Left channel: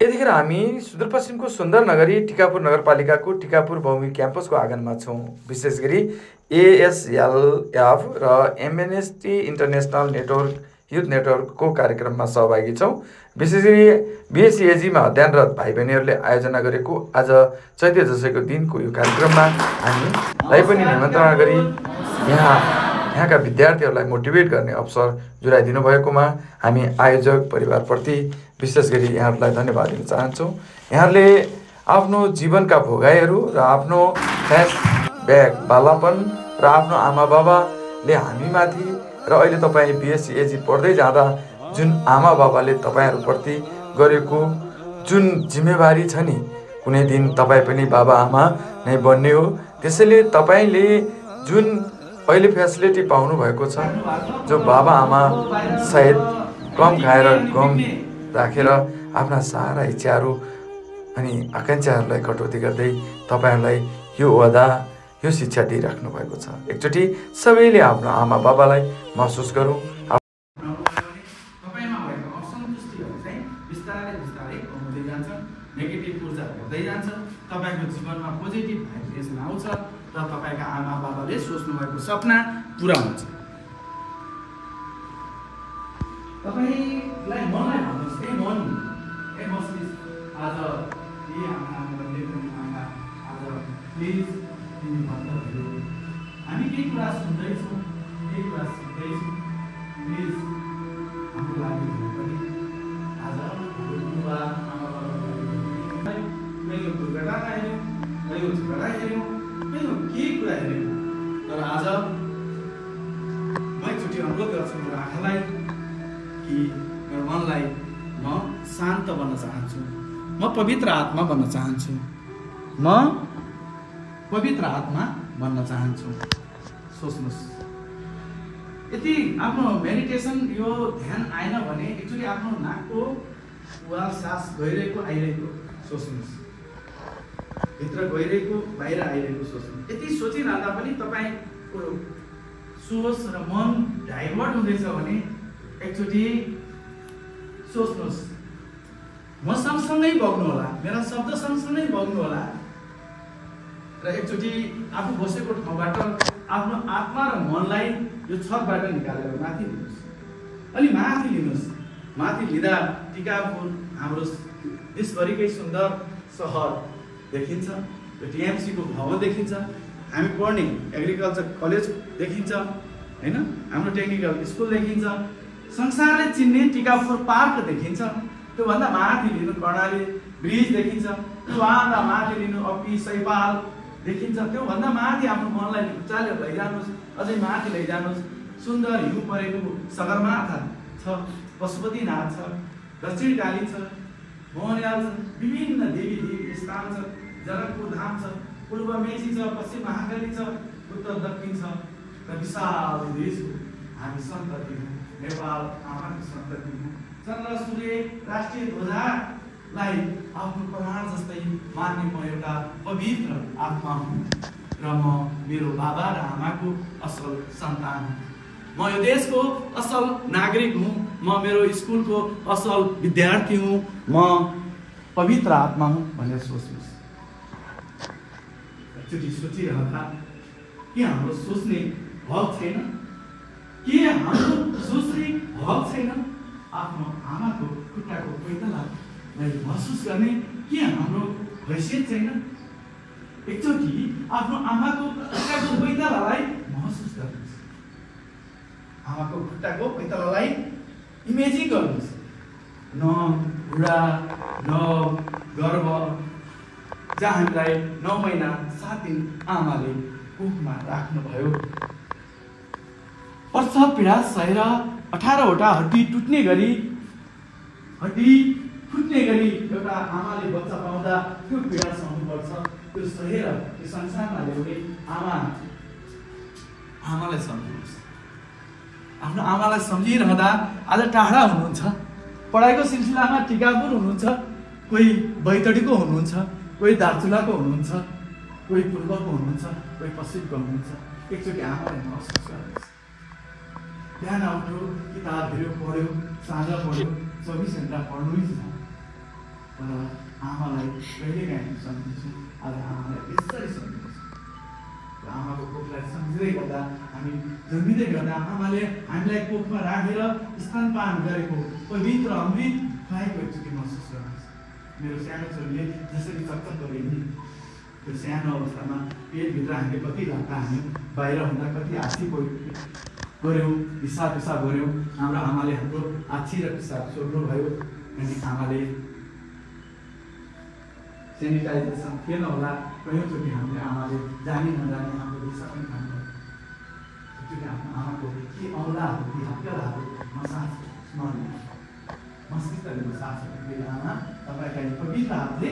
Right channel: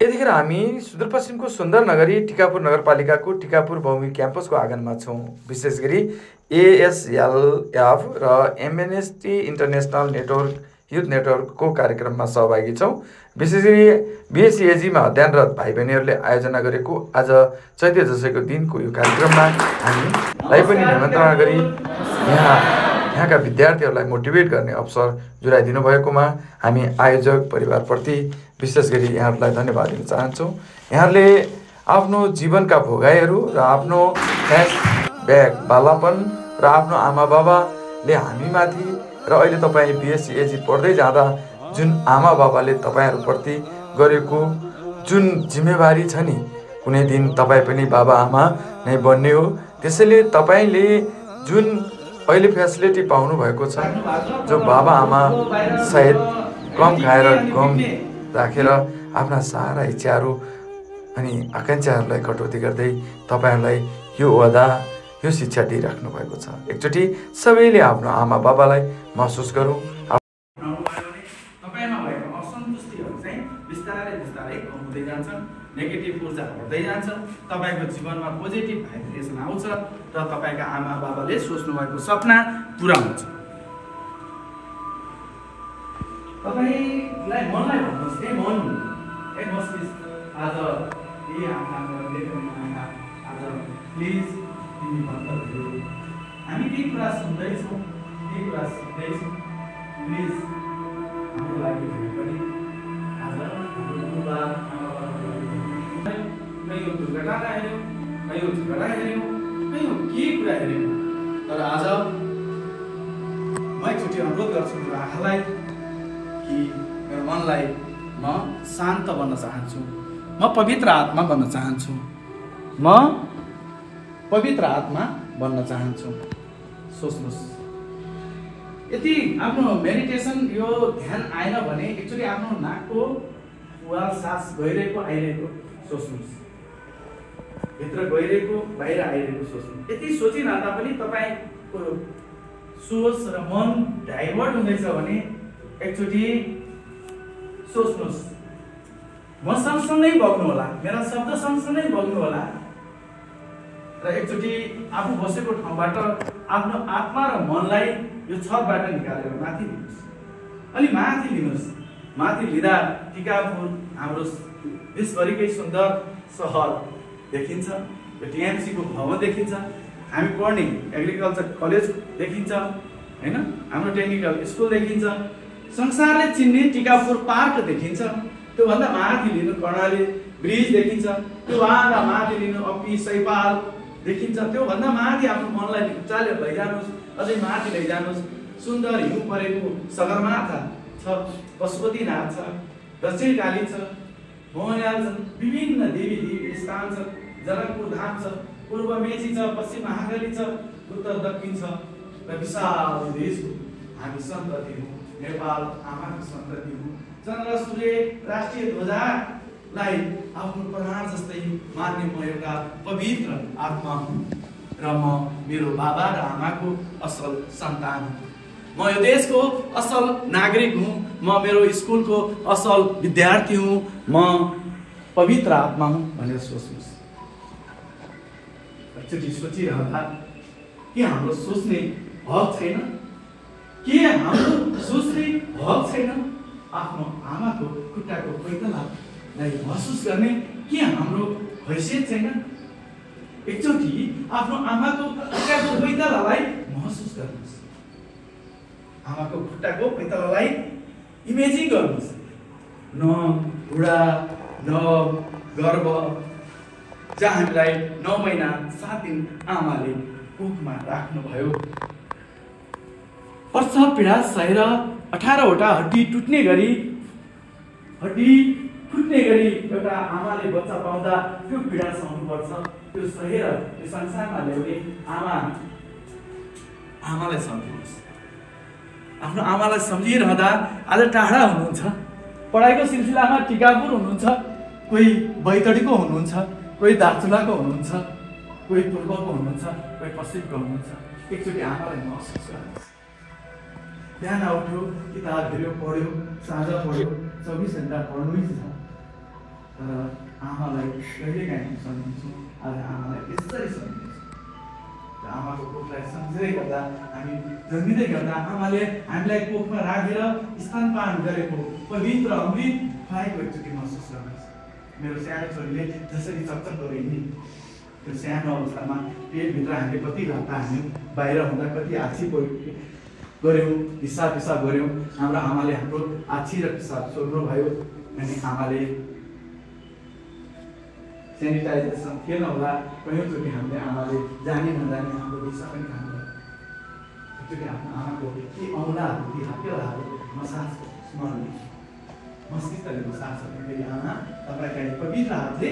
यतिखेर हामी सुदूरपश्चिमको सुन्दर नगरी टिकापुर नगरपालिकाको टिकापुर बहुमुखी क्याम्पसको आँगनमा छौँ। विशेष गरी ASLF र एमएनएसटी इन्टरनेसनल नेटवर्क युथ नेटवर्कको कार्यक्रममा सहभागी छौँ। विशेष गरी BSCAG मा अध्ययनरत भाइ बहिनीहरूले आयोजना गरेको आज चैते दशैंको दिनको यो कार्यक्रममा हामीलाई पनि निमन्त्रणा गरी यहाँका विद्यार्थीहरूलाई मोटिभेट गर्ने अवसर जुराइदिनु भएकोमा हामी आयोजक परिवारप्रति विशेष गरी यहाँहरूलाई धन्यवाद दिन चाहन्छौँ। यहाँहरूले आफ्नो जीवनका भोगाइहरू र आफ्नो फ्ल्यासब्याक बालापन र आफ्नो आमा बाबाले हामीमाथि र अहिले तपाईँ BSCAG पढ्दै जाँदा जुन आमा बाबाले तपाईँहरूप्रति गरेको जुन जिम्मेवारी छ नि, कुनै दिन तपाईँ पनि बाबा आमा नै बन्ने हो। त्यसैले तपाईँले जुन अहिले फेसिलिटी पाउनु भएको छ, जो बाबा आमा सायद कम खाएर गम राखेर आफ्ना सारा इच्छाहरू अनि आकाङ्क्षाहरूलाई कटौती गर्दै तपाईँहरूलाई यो वदा यो शिक्षा दिइराख्नु भएको छ। एकचोटि सबैले आफ्नो आमा बाबालाई महसुस गरौँ। तपाईँमा भएको असन्तुष्टिहरू चाहिँ बिस्तारै बिस्तारै कम हुँदै जान्छ, नेगेटिभ ऊर्जा हट्दै जान्छ, तपाईँको जीवनमा पोजिटिभ भाइब्रेसन आउँछ र तपाईँका आमा बाबाले सोच्नु भएको सपना पुरा हुन्छ। तपाईँलाई मनलाई भन्नुहोस्, ए मन, ए मस्तिष्क, आज आज प्लिज तिमी भन्दा हामी केही कुरा सुन्दैछौँ, केही कुरा सिक्दैछौँ, प्लिज हाम्रो लागि पनि आज हाम्रो बुबा आमा बाबाले कहीँ दुर्घटना हेऱ्यौँ, कहीँ झगडा हेऱ्यौँ, कहीँ के कुरा हेऱ्यौँ, तर आज म एकचोटि अनुरोध गर्छु मेरो आँखालाई कि मेरो मनलाई म शान्त बन्न चाहन्छु, म पवित्र आत्मा बन्न चाहन्छु, म पवित्र आत्मा बन्न चाहन्छु। सोच्नुहोस्, यदि आफ्नो मेडिटेसन यो ध्यान आएन भने एकचोटि आफ्नो नाकको वाल सास गइरहेको आइरहेको सोच्नुहोस्, भित्र गइरहेको बाहिर आइरहेको सोच्नुहोस्। यति सोचिरहँदा पनि तपाईँको सोच र मन डाइभर्ट हुँदैछ भने एकचोटि सोच्नुहोस्, म सँगसँगै बग्नु होला, मेरा शब्द सँगसँगै बग्नु होला र एकचोटि आफू बसेको ठाउँबाट आफ्नो आत्मा र मनलाई यो छतबाट निकालेर माथि लिनुहोस्। अनि माथि लिनुहोस्। माथि लिँदा टिकापुर हाम्रो देशभरिकै सुन्दर सहर देखिन्छ, यो TMC को भवन देखिन्छ, हामी पढ्ने एग्रिकल्चर कलेज देखिन्छ, हैन, हाम्रो टेक्निकल स्कुल देखिन्छ, संसारले चिन्ने टिकापुर पार्क देखिन्छ। त्योभन्दा माथि लिनु कर्णाली ब्रिज देखिन्छ, त्योभन्दा माथि लिनु अपी सैपाल देखिन्छ, त्योभन्दा माथि आफ्नो मनलाई उचालेर लैजानुहोस्, अझै माथि लैजानुहोस्। सुन्दर हिउँ परेको सगरमाथा छ, पशुपतिनाथ छ, दक्षिणकाली छ, मोहनयाल छ, विभिन्न देवी देवी स्थान छ, जनकपुर धाम छ, पूर्व मेची छ, पश्चिम महाकाली छ, उत्तर दक्षिण छ र विशाल देशको हामी सन्तति हौँ, नेपाल आमाको सन्तति हौँ। चन्द्र सूर्य राष्ट्रिय ध्वजालाई आफ्नो प्राण जस्तै मान्ने म एउटा पवित्र आत्मा हुँ र म मेरो बाबा र आमाको असल सन्तान हुँ। म यो देशको असल नागरिक हुँ, म मेरो स्कुलको असल विद्यार्थी हुँ, म पवित्र आत्मा हुँ भनेर सोच्नुहोस्। एकचोटि सोचिरहँदा के हाम्रो सोच्ने हक छैन? के हाम्रो सोच्ने हक छैन? आफ्नो आमाको खुट्टाको पैतालालाई महसुस गर्ने के हाम्रो हैसियत छैन? एकचोटि आफ्नो आमाको खुट्टाको पैतालालाई महसुस गर्नुहोस्, आमाको खुट्टाको पैतालालाई इमेजिङ गर्नुहोस्। न बुढा न गर्भ, जहाँ हामीलाई 9 महिना 7 दिन आमाले कोखमा राख्नुभयो। प्रसव पीडा सहेर 18वटा हड्डी टुट्ने गरी, हड्डी फुट्ने गरी एउटा आमाले बच्चा पाउँदा त्यो पीडा सहनुपर्छ। त्यो सहेर यो संसारमा ल्याउने आमालाई सम्झिनुहोस्। आफ्नो आमालाई सम्झिरहँदा आज टाढा हुनुहुन्छ, पढाइको सिलसिलामा टिकापुर हुनुहुन्छ, कोही बैतडीको हुनुहुन्छ, कोही दार्चुलाको हुनुहुन्छ, कोही पूर्वको हुनुहुन्छ, कोही पश्चिमको हुनुहुन्छ। एकचोटि आमालाई महसुस गर्नुहोस्। बिहान उठ्यो, किताब हेऱ्यो, पढ्यो, साँझ पढ्यो, 24 घण्टा पढ्नै छ। तर आमालाई कहिलेकाहीँ हामी सम्झिन्छौँ, आज आमालाई यसरी सम्झिन्छौँ। र आमाको कोखलाई सम्झिँदै गर्दा हामी जन्मिँदै गर्दा आमाले हामीलाई कोखमा राखेर स्तनपान गरेको पवित्र अमृत पाएको एकचोटि महसुस गर्नुहोस्। मेरो सानो छोरीले जसरी चकचक गऱ्यो त्यो सानो अवस्थामा पेटभित्र हामीले कति घन्टा हाल्यौँ, बाहिर हुँदा कति आछी गऱ्यौँ, हिसाब पिसाब गऱ्यौँ। हाम्रो आमाले हाम्रो आछी र पिसाब छोड्नुभयो। अनि आमाले सेनिटाइजेसन थिएन होला, कयौँचोटि हामीले आमाले जानी नजानी हाम्रो दिशा पनि खानुभयो। एकचोटि आफ्नो आमाको ती औँलाहरू, ती हप्केलाहरू मसाज स्मरण मस्तिष्कले मसाज गर्दै आमा तपाईँका पवित्र हातले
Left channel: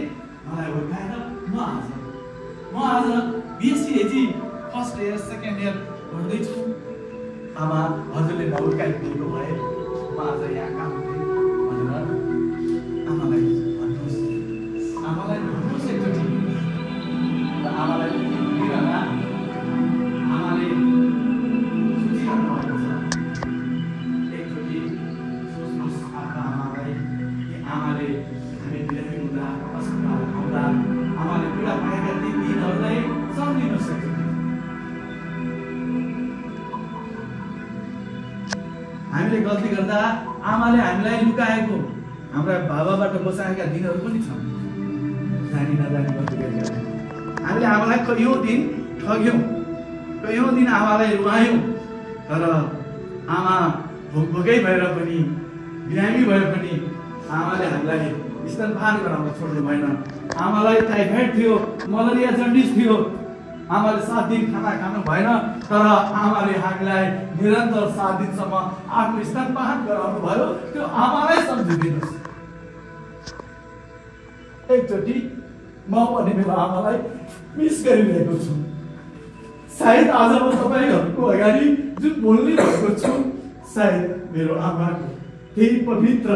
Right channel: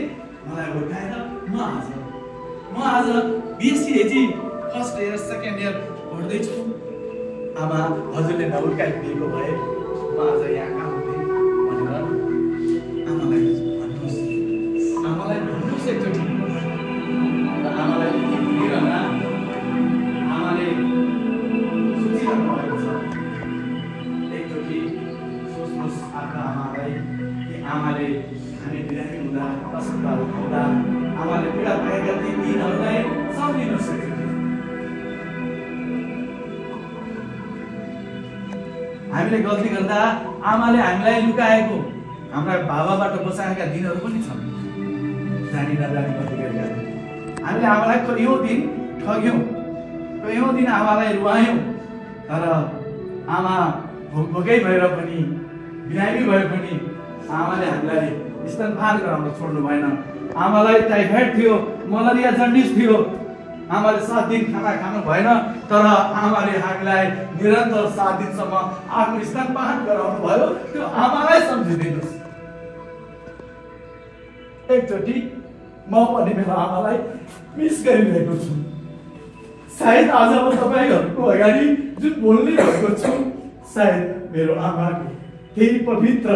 मलाई हुर्काएर म आज BSc first year second year पढ्दैछु। आमा हजुरले नहुर्काइदिएको भए म आज यहाँ काम हुँदै भनेर आमालाई भन्नुहोस् एकचोटि। र आमालाई भनिरहँदा आमाले सोचिरहनु भएको छ। एकचोटि सोच्नुहोस् आफ्नो आमालाई, कि आमाले हामी बिरामी हुँदा, अस्पताल आउँदा आमाले पीडा पाएका ती दिनहरूलाई सम्झिनु सक्यो। हामीले गल्ती गर्दा आमाले हामीलाई लुकाएको, हाम्रा बाबाबाट बचाएका दिनहरू पनि छन्। जानी नजानी गल्ती गरेर हामीले आमालाई कयौँ दिन ठग्यौँ, कयौँ दिन आमालाई रुवायौँ। तर आमा भोकै भएर पनि, बिरामी भए पनि आमाले हामीलाई स्तनपान गराउन छोड्नु भएन। आमालाई टाइफाइड थियो, मलेरिया जन्डिस थियो, आमाले 7 दिन खाना खानु भएन। तर आमाले हामीलाई निरन्तर 7 दिनसम्म आफ्नो स्तनपान गराउनु भयो। त्यो आमालाई सम्झिदिनुहोस् एकचोटि। म पनि मेरो आमालाई मिस गरिरहेको छु। सायद आज म तपाईँहरूको अगाडि जुन बोलिरहेको छु, सायद मेरो आमाको त्यही पवित्र,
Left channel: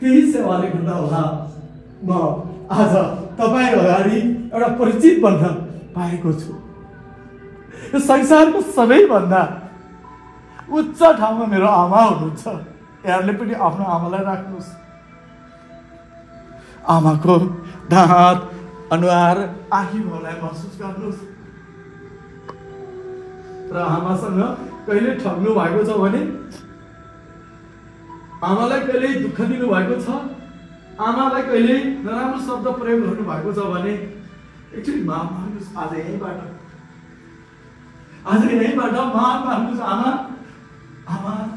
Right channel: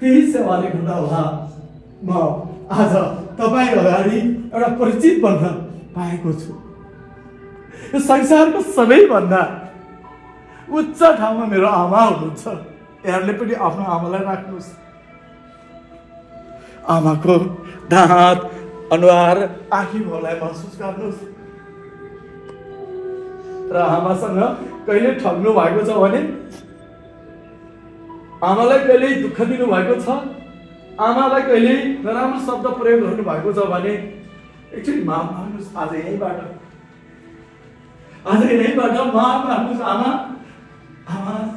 त्यही सेवाले गर्दा होला म आज तपाईँ अगाडि एउटा परिचित बन्न पाएको छु। यो संसारको सबैभन्दा उच्च ठाउँमा मेरो आमा हुनुहुन्छ। यहाँले पनि आफ्नो आमालाई राख्नुहोस्। आमाको दाँत, अनुहार, आँखीहरूलाई महसुस गर्नुहोस्। र आमासँग कहिले ठग्नु भएको छ भने, आमालाई कहिले दुःख दिनु भएको छ, आमालाई कहिले नराम्रो शब्द प्रयोग गर्नु भएको छ भने एकचोटि माफ माग्नुहोस्। आज यहीँबाट माफ माग्नुहोस्। आमा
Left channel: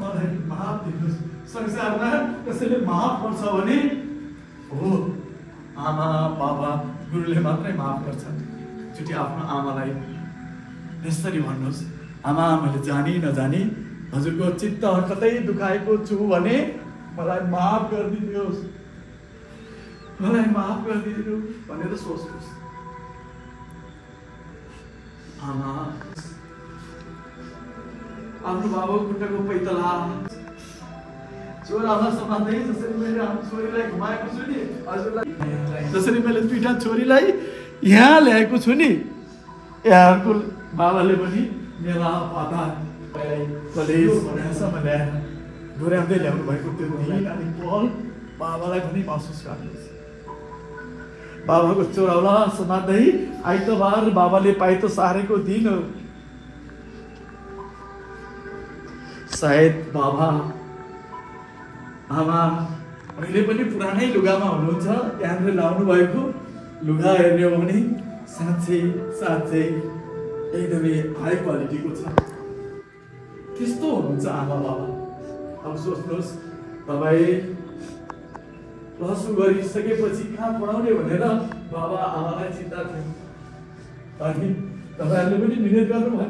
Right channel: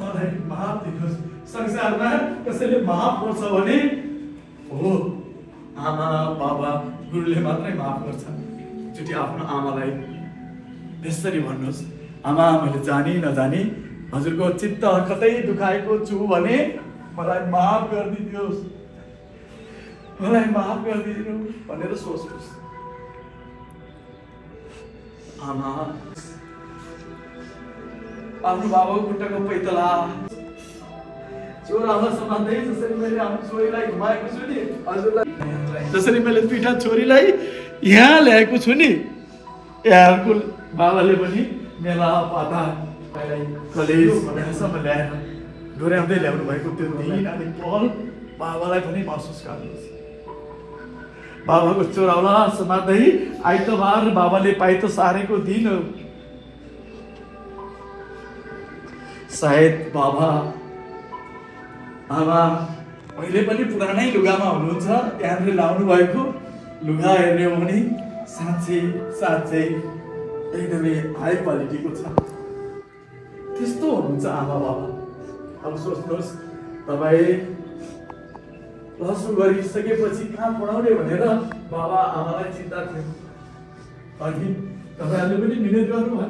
मलाई माफ दिनुहोस्। संसारमा कसैले माफ गर्छ भने हो आमा, बाबा, गुरुले मात्रै माफ गर्छन्। एकचोटि आफ्नो आमालाई यसरी भन्नुहोस्, आमा मैले जानी नजानी हजुरको चित्त कतै दुखाएको छु भने मलाई माफ गरिदिनुहोस्, मलाई माफ गरिदिनु भनेर सोच्नुहोस्। आमा आफ्नो बाबाको खुट्टाको पैतला छोरालाई समात्दै, जसरी मैले आफ्नो छोरीलाई घुमाएको छु नि, हजुरलाई जसरी मैले 2टा छोरीलाई यहाँ ल्याएको छु नि, यहाँको बाबाले पनि मेला पाता कलेज भनेरसम्म ल्याएर डोर्याउँदै ल्याउनु भएको त्यो दिन अनि पल बाबालाई पनि महसुस गर्नुहोस्। बाबाको चोराउला समात्दै आइतबार बाबाले पाइतो सारेको दिन हो। सायद बाबा आमा अहिले पनि पुरानै लुगामा हुनुहुन्छ। यहाँले लाउनु भएको लुगा हेर्ने हो भने साँच्चै एकदमै हाई क्वालिटीको छ। त्यस्तो हुनुहुन्छ आमा बाबा। अब सोच्नुहोस्, तपाईँ प्लस 2 गरिसकेपछि कहाँ पढाउने भनेर बाबा आमालाई चिन्ता थियो। अनि तपाईँहरूले पनि मिहिनेत गर्नुभयो।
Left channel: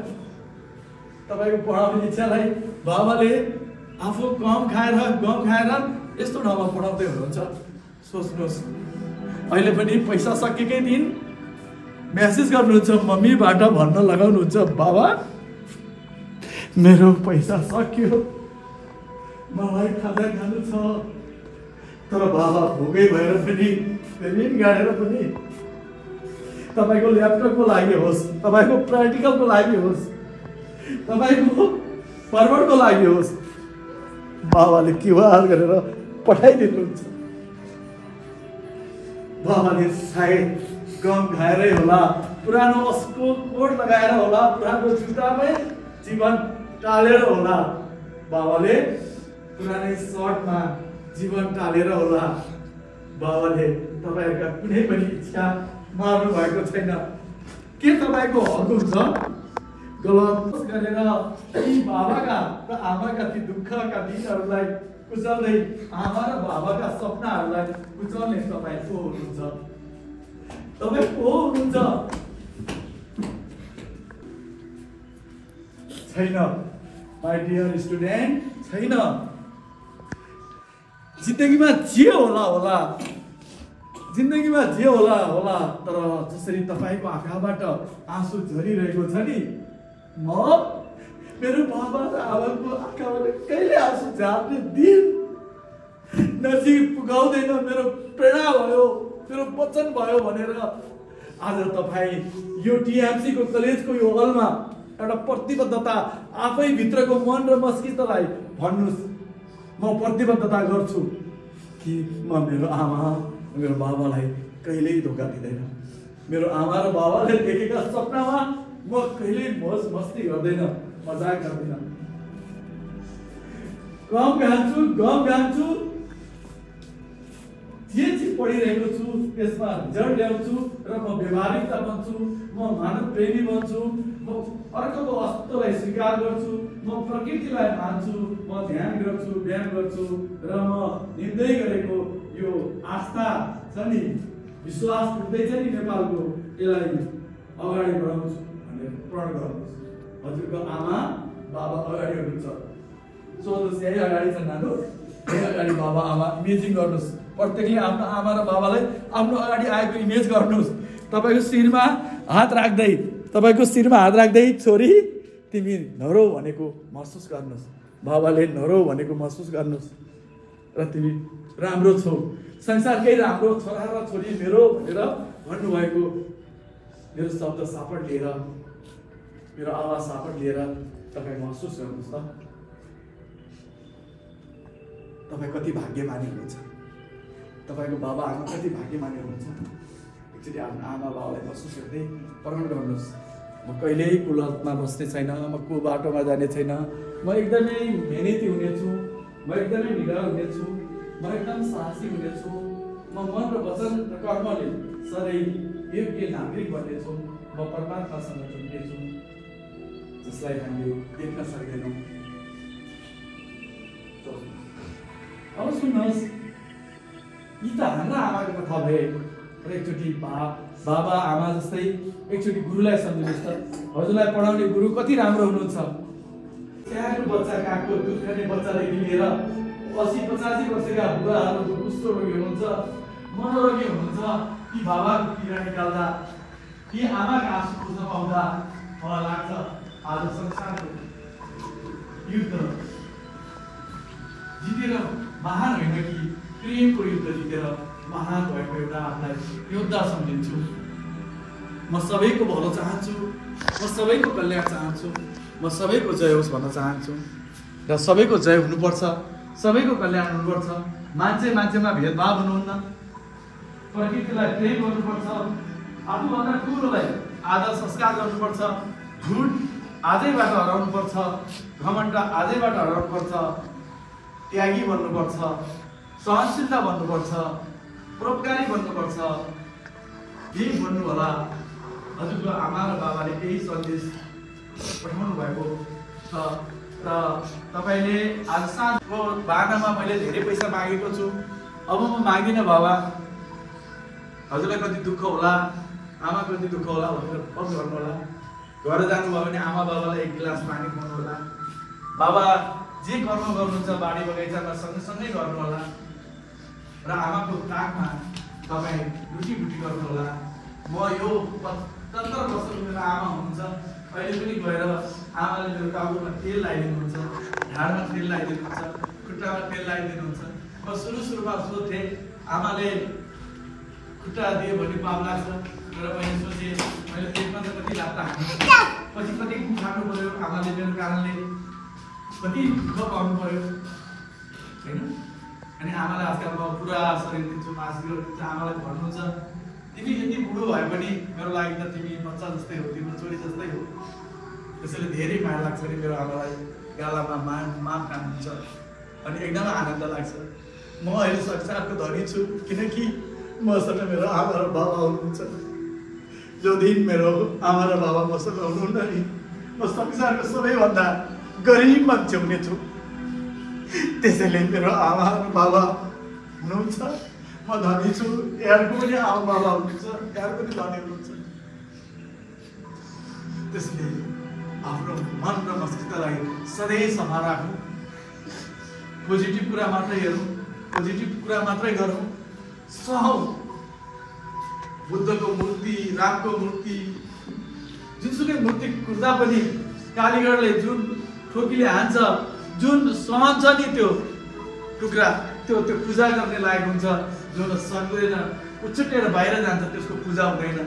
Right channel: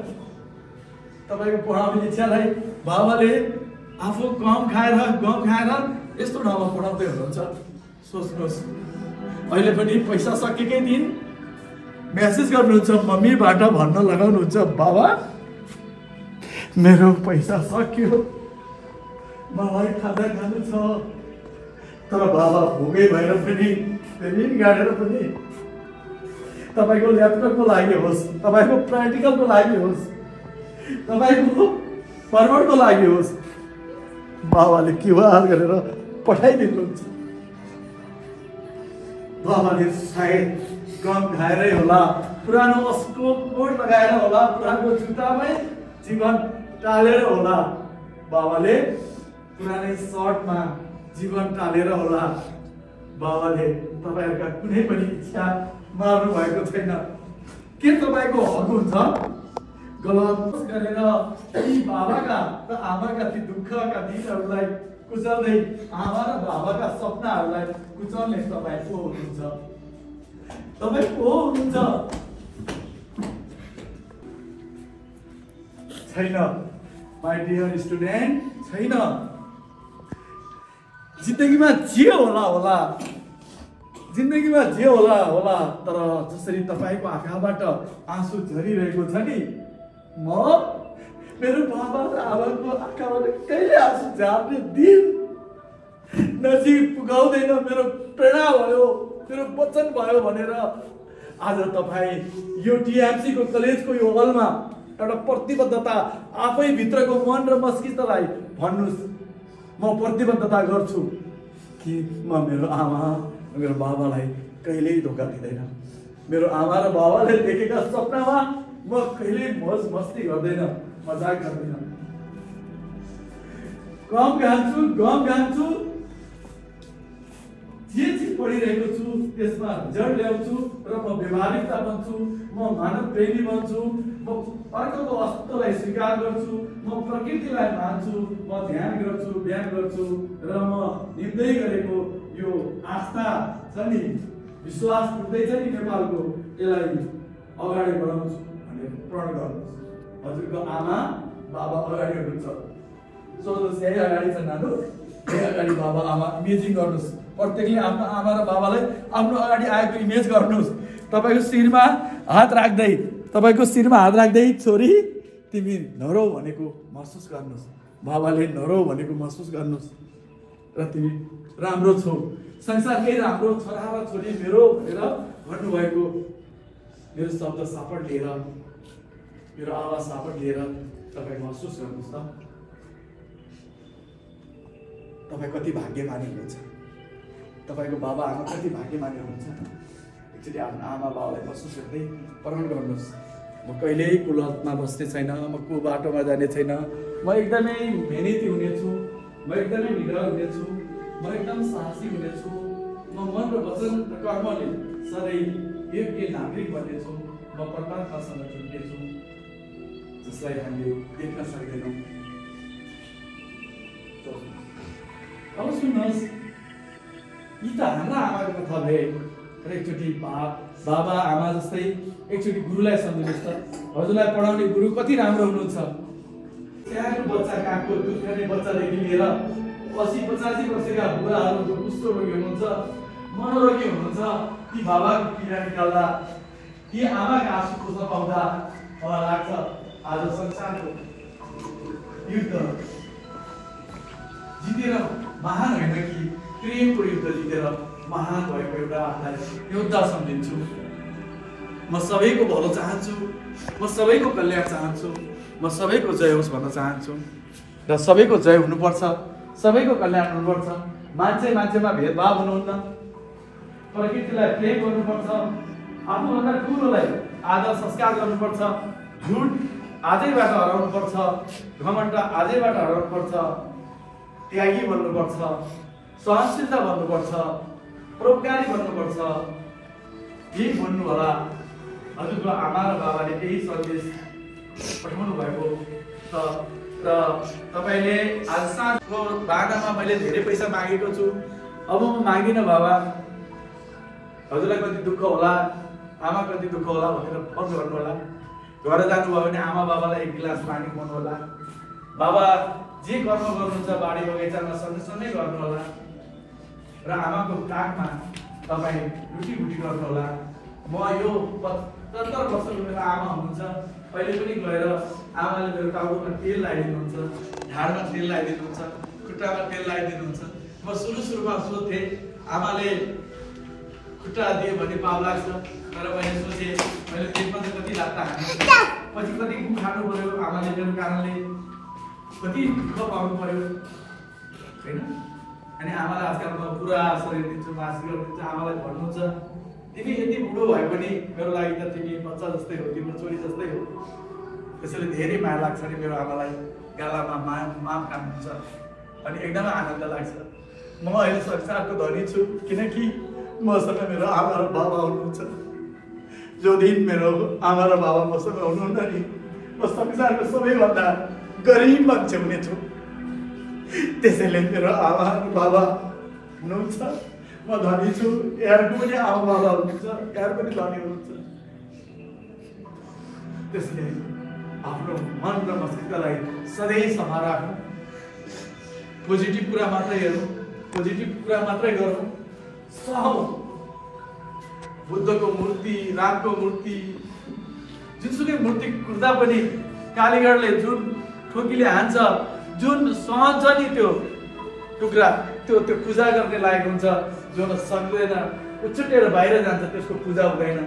तपाईँको पढाउने इच्छालाई बाबाले आफू गम खाएर यस्तो ठाउँमा पढाउँदै हुनुहुन्छ। सोच्नुहोस्, अहिले पनि पैसा सकेकै दिन मेसेज गर्नुहुन्छ, मम्मीबाट भन्न लगाउनुहुन्छ, बाबा मेरो पैसा सक्यो, मलाई खाजा खानु छ। तर बाबा भोकै भएर पनि, ऋण गाडेर पनि, तपाईँको ल्यापटपको लागि होस्, तपाईँको प्र्याक्टिकलको लागि होस्, तपाईँको फर्वर्डको लागि होस्, बाबाले क्युआर गरेर पठाइदिनुहुन्छ। बाबाले सायद गम खाएरै होला, पुरानो कोट लगाएर होला, पुरानो जुत्तामै जीवन टालेर होला, बाबाले पुरानै सर्टमा जीवन टालेर होला, बाबाले तपाईहरुका कुनै पनि इच्छा मार्नु भएको छैन। के तपाईको हक हुन्छ गलत गरेर यी बाबाका र आमाका ती दुःखका दिनहरूलाई कुचल्दै आमा र बाबाका सपनाहरूलाई कुचल्ने तपाईँ को हुनुहुन्छ? तपाईँ को हुनुहुन्छ? छैन माई डियर स्टुडेन्ट, छैन। जिन्दगीमा जे होला होला, जिन्दगीमा जे होला होला, तर जसरी तपाईको आँखाबाट आँसु झरिरहेको छ नि, म मेरो बाबा र आमाको आँखाबाट कहिले आँसु झार्ने दिन नजिक पुगाउँदैन। मेरो प्रेरणा भयो, मेरो वचन भयो भनेर आज तपाईँ यो टिएमसी को कलेजको यो हलमा एउटा प्रतिबद्धता आफै भित्रको मन र मस्तिष्कलाई भन्नुस्, म प्रतिबद्धता गर्छु कि म मेरो आमा मेरो बाबालाई कहिल्यै धोका दिँदैन। मेरो आमा र बाबाले देखेका सपनामा म कहिल्यै मौज मस्ती गर्दैन, मजाक गर्दैन। गम गान्छु, जे पढिरहेको छु त्यसमा रिजल्ट ल्याउँछु र म व्यवहारिकता बन्छु, म मानव प्रेमी बन्छु, म अर्कोको अस्तित्वलाई स्वीकार गर्छु, म प्रकृतिलाई मान्छु, म ध्यान गर्छु, व्यायाम गर्छु र म निम्दै गरेको यो आस्था छ नि, विश्वास उठ्दैछ नि नेपालको, यसलाई अगाडि बढाउँछु भनेर प्रण गर्नुहोस्। हजुरको आमा बाबा अगाडि हुनुहुन्छ, सोध्नुहोस् यही अगाडि छ नानु, यही अगाडि बाबा आमा इमेजिङ गर्नुहोस्। प्रत्येकले आफ्नो आमा र बाबालाई आफ्नो अगाडि आएको इमेज गर्नुहोस्। तपाईँको शिरमा हात राख्दै छोरी तिमी नरौ भनेको महसुस गर्नुहोस्, बाबाले नरौ भनेको महसुस गर्नुहोस् र तिमी राम्रो छौ, संसारकै राम्रो छोरा र छोरी मेरो भनेर भन्नुभएको मेरो शब्द सापट लिएर, मेरो आवाज सापट लिएर तपाईँ महसुस गर्नुहोस् त तपाईँ कति भाग्यमानी हुनुहुन्छ, तपाईँको बाबा आमा कति भाग्यमानी हुनुहुन्छ। एकचोटि आफ्नो आमा बाबालाई महसुस गर्दै प्रण गर्नुहोस्, म कहिल्यै कुलतमा बस्ने छैन, म को बाटोमा जाने छैन, म एकदमै मेहनती हुनेछु, म एकदमै निडर हुनेछु, म एकदम साहसी हुनेछु, म मन र वचन र कर्मले सधैँ योग्य नागरिक बन्नेछु, म परमात्मासँग जोड्नेछु जसलाई हामीले देख्न सक्दैनौँ। अब सुन्नुहोस्, यी त हाम्रा आमाको कथा भए र एकचोटि बाबा आमा जस्तै एकचोटि गुरुलाई सम्झिनुहोस् त, हजुरलाई पढाउने गुरु कति राम्रो हुनुहुन्छ। सानो बच्चा कागको दुध खाने बच्चादेखि लिएर 80-85 वर्षका बुढाहरू जो कुष्ठरोगी हुनुहुन्छ, मनोरोगी हुनुहुन्छ, ती बाबाको पीडा निकाल्दा, ती आमाका आँसु पुस्न पाउँदा मलाई लाग्छ आज संसारको युद्ध जितेर महान होइन कि प्रेमको युद्ध जितेर महान भएको एउटा आफूलाई योद्धा सम्झिन्छु। म सबैको भलो चाहन्छु, म सबैको कल्याण चाहन्छु, म सबैको जय होस् भन्न चाहन्छु र सबैको जय हुनुपर्छ, सबैको कल्याण हुनुपर्छ। मान्छेमा भेदभाव हुनुहुन्न, प्रकृतिलाई प्रेम गर्नुपर्छ, आफूभन्दा ठुलोलाई आदर संस्कार गर्नुपर्छ, झुट आजैबाट हराउनुपर्छ, घमण्ड आजैबाट हराउनुपर्छ, त्यागी बन्नुपर्छ, सहनशीलता बन्नुपर्छ, परोपकारी बन्नुपर्छ। यही भन्नु होला हजुरको आमा र बाबाले केही सन्देश पठाउनु भएको छ र तपाईँले आज साँझको बाह्रमा मैले धेरै पैसा मागेको छु, अब म माग्दिनँ बाबा, हजुरलाई कति दुःख होला, आमा कति दुःख होला भनेर फोन गर्नु होला। घर जानुभयो भने आमा बाबालाई एक गिलास पानी खुवाउनु होला, बाबा जे कर्म गर्नुहुन्छ बाडी बगैँचामा सँगसँगै गर्नु होला र आमाको काखमा तपाईँ लुटीबुटी गर्नु होला। म यो 75 वर्ष मेरो आमा हुनुहुन्छ, अहिले पनि गएर आमाले मेरो टाउकोमा तेल लगाइदिनुहुन्छ, ढाडमा तेल लगाइदिनुहुन्छ, खुट्टामा तेल लगाइदिनुहुन्छ। म सुरुमा सोध्थेँ आमाले खुट्टा दियो भने पाप लाग्छ, तर मैले सोचेँ मैले पेटमा त कति लाग्दा पछि कति खानु पर्यो, आमाले मेरो कारणले कति दुःख पाउनु पर्यो होइन। अनि आमालाई आजकल म पुरा शरीर दिन्छु, आशीर्वाद दिन्छु। आमालाई भन्नुहुन्छ तिमी यति बुढो भए पनि मेरो लागि त तिमी बच्चा जस्तै हो, तिम्रो छोरी जस्तै हो। त्यसैले धेरै माया लाग्छ नि मेरो आमालाई गालामा मा काम हुन्छ अनि एकदमै आनन्द लाग्छ। म अहिले संसारको धनी छु किनकि मसँग मेरो आमा र बाबा हुनुहुन्छ। जो दिन मेरो आमा र बाबा मसँग हुनुहुन्न नि म संसारको सबैभन्दा गरिब मान्छे हुनेछु। त्यसैले मेरो आमा र बाबा हुनुहुन्छ, म धनी छु। यहाँको पनि आमा बाबा हुनुहुन्छ, यहाँ पनि धनी हुनुहुन्छ। त्यसले आफ्नो मन र मस्तिष्कलाई सधैँ सफा राखौँ, पोजिटिभ कुरा मात्रै हेरौँ, पोजिटिभ कुरा मात्रै गरौँ, सहौँ। बुद्धको मूर्ति, रामको मूर्ति, जुनसुकै मूर्ति कुर्दा पनि कालीगढले जुन ठोकीले हान्छ, जुन सहन्छ नि त्यो टुक्रा, त्यो पूजा गर्ने लायक हुन्छ। जो सक्दैन उछुटेर बाहिर जान्छ त्यसको पूजा हुँदैन।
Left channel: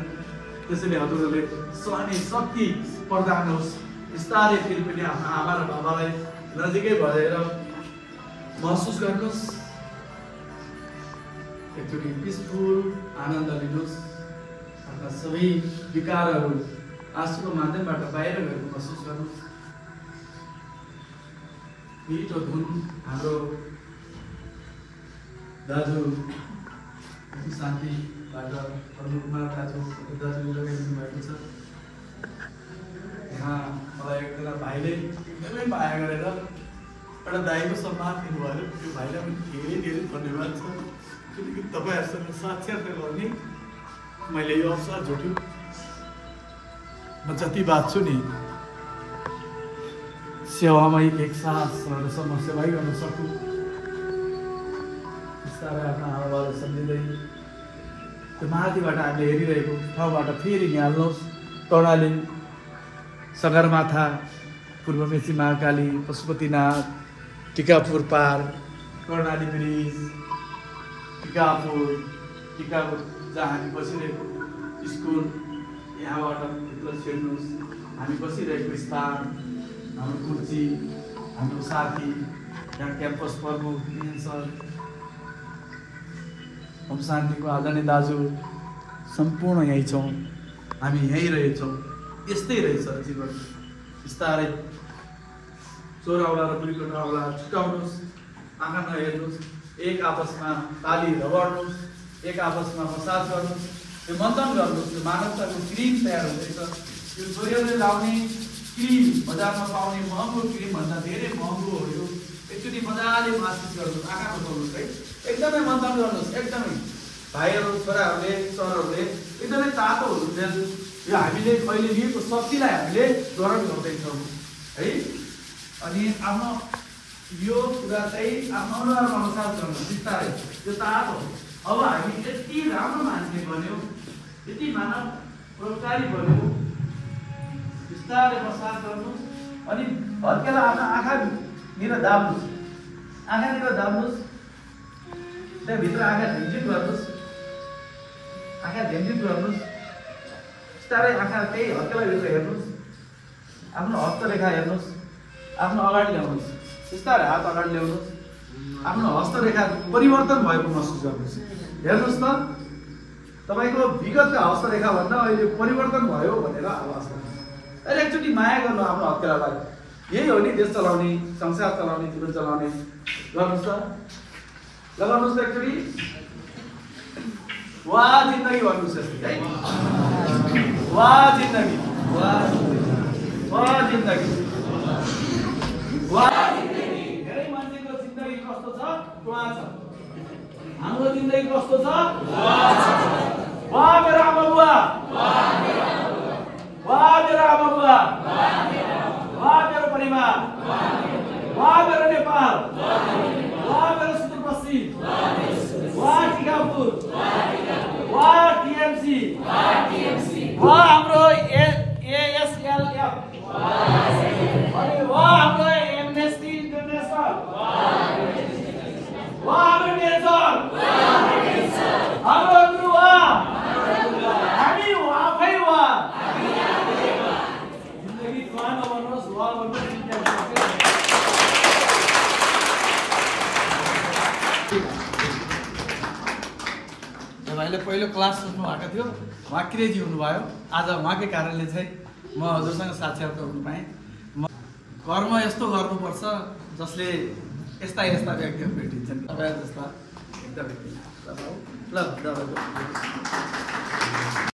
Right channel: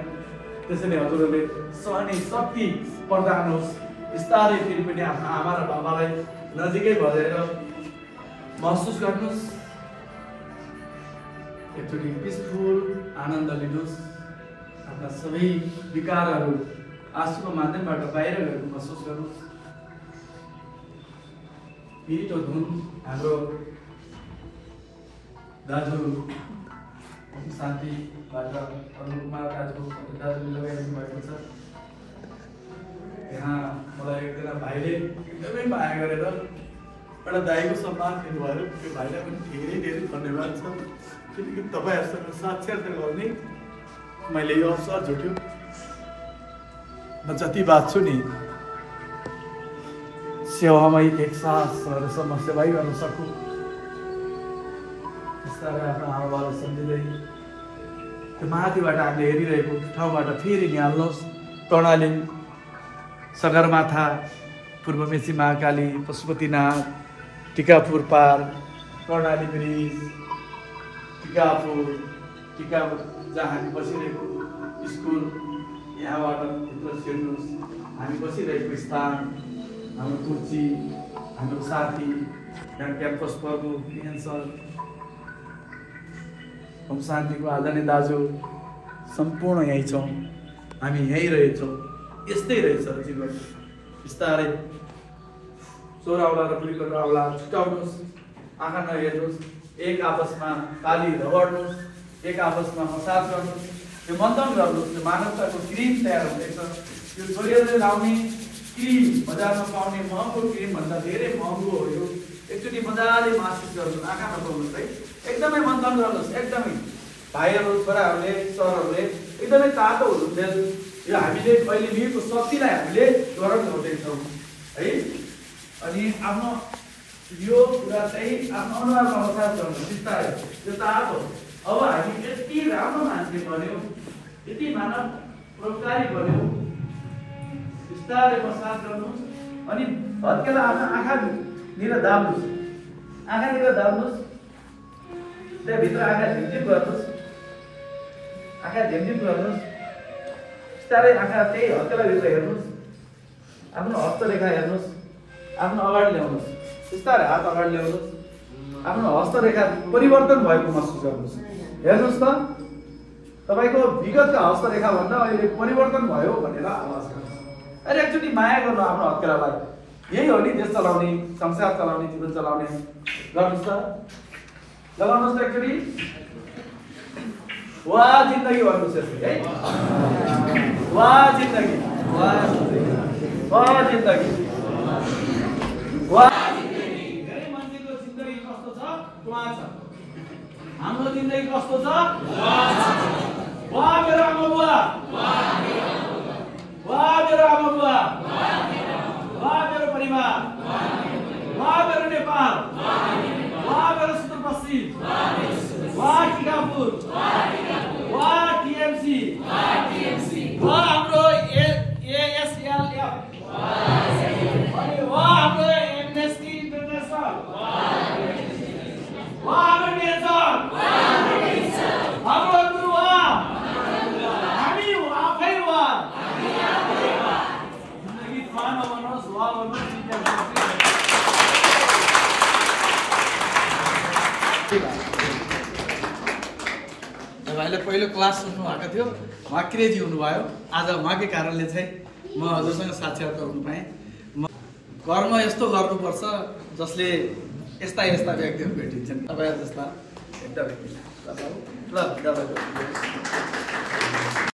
त्यसैले हजुरहरूले सहने शक्ति प्रदान होस्। बिस्तारै फेरि पनि आफ्नो आमा र बाबालाई नजिकै भएर महसुस गर्नुहोस्। एकचोटि पिसफुल आनन्द लिनुहोस्। आफ्ना सबै विकारहरू आँसुको माध्यमबाट बाहिर गएको महसुस गर्नुहोस्। मिठो धुन हाम्रो दाजु शान्तिबाट अनुकुमार दाजुले लगाइदिनु भएको छ। यहाँ मलाई एकजना भाइले एकदमै माया गरेर एउटा दाईको सम्मान दिनुभयो। त्यो भाइलाई पनि धेरै धेरै धन्यवाद छ किनकि तपाईँहरूसँग साक्षात गर्ने मैले यो अवसर जुट्यो। म जति बाँच्छु नि सेवामै एक सासहरूसम्म सेवाई गर्न सकूँ। बिस्तारै आफ्नो आमाबाबु सम्झिँदै त्यो माथिबाट हामीले हेरिरहेको ठाउँबाट फेरि निहाल्नुहोस्। कर्णाली, सगरमाथा, पूर्वमेची महाकाली, पशुपतिनाथ, टिकापुर पार, कर्णाली ब्रिज, टिकापुर जहाँ हामी बसिरहेको स्कुल, यहाँबाट भित्र छिर्नुहोस्। हामी बसिरहेको स्थान, हाम्रो कुर्सी, हाम्रो साथी, यहाँ क्याम्पस प्रमुख सर, हम शान्तिको आदरणीय दाजु सम्पूर्ण यहीँ छौँ। हामी यहीँ रहेछौँ। यस्तै रहेछ जीवन। बिस्तारै चोराउला र बुढीकटाउला छुटाउनुहोस्। आँखा नहेर्नुहोस्। एक आपसमा ताली रगड्नुहोस्। एक आपसमा मसाज गर्नुहोस्। यो मन्थन गर्नुहोस्। यो मानवताको क्रिम तयार हुँदैछ। यो शरीरले लाउने क्रिम, बजारमा पाउने महँगो क्रिम भन्दा धेरै महँगो हो यो। एकचोटि मजाले महसुस गर्नुहोस्। आँखा नपाउनुहोस् है, एकदमै मन्थन गर्नुहोस्। एकदमै भाइहरू, छोराहरूले, सरहरूले एकदमै तातो हुनुहुन्छ। यो हामीले अहिले लिएको शक्तिलाई हामीले ग्रहण गर्दैछौँ है। अनि आफ्नो यो कुरा चाहिँ आफ्नो अनुहारमा मसाज गर्नु बिस्तारै त्यो तातो। अब हामी यति राम्रो मान्छे बन्यौँ, यति मानव प्रयोगकारी बन्यौँ। बिस्तारै मसाज गर्नुहोस्। अनि भत्केला आफ्नो आँखानिर दाब्नुहोस्। आँखानिर दाब्नुहोस्। त्यहाँभित्र आँखा झिमझिम गर्नुहोस्। आँखा झिमझिम गर्नुहोस्। बिस्तारै आँखा त्यही हत्केलाभित्र हेर्नुहोस्। आफ्नो हस्तरेखा हेर्नुहोस्। आफ्नो अगाडि ल्याउनुहोस्। बिस्तारै हात अगाडि ल्याउनुहोस्। आफ्नो हस्तरेखा परिवर्तन भएको महसुस गर्नुहोस्। हेर्नुहोस् त, तपाईँको विगतका हस्तरेखा भन्दा अहिले परिवर्तन भयो भनेर आवाज गर्नुहोस्। अहिले एकचोटि माया गर्नु आफ्नो हत्केलालाई। यही हो नि देश चलाउने, संसार चलाउने, जीवन चलाउने। गर्नुहोस् त, लगाउनुहोस् त एकचोटि। वाह जिन्दगी भन्नुहोस् यसरी है। वाह जिन्दगी, वाह जिन्दगी, वाह जिन्दगी। धेरै मान्छेको जिन्दगी कस्तो छ? वाह छ। हाम्रो जिन्दगी कस्तो छ? वाह मेरो आमा बुवा, वाह मेरो आमा बुवा, वाह मेरो परिवार, वाह मेरो नेपाल, वाह मेरो सुदूरपश्चिम, वाह टिकापुर, वाह टिएमसी, वाह हाम्रो एएसएलएफ, अनि वाह हाम्रो एमनेस्टी इन्टरनेसनल, वाह हाम्रो नेचर, हाम्रो गुरु वाह, हामी आफै वाह। जिन्दगी वाह नभन्नुहोस्, वाह भन्नुहोस्। भाइले पहिलो क्लास सुन्नु भएको थियो, उहाँ क्रेजी हुनुभयो। आज उहाँकै कारणले चाहिँ म हजुरसँग साक्षात्कार हुनु पाएँ। कर्म यस्तो गर्नुपर्छ जसले यस्ता यस्ता व्यक्तिहरू भेटिन्छन्, तपाईँहरू जस्ता एकदम ल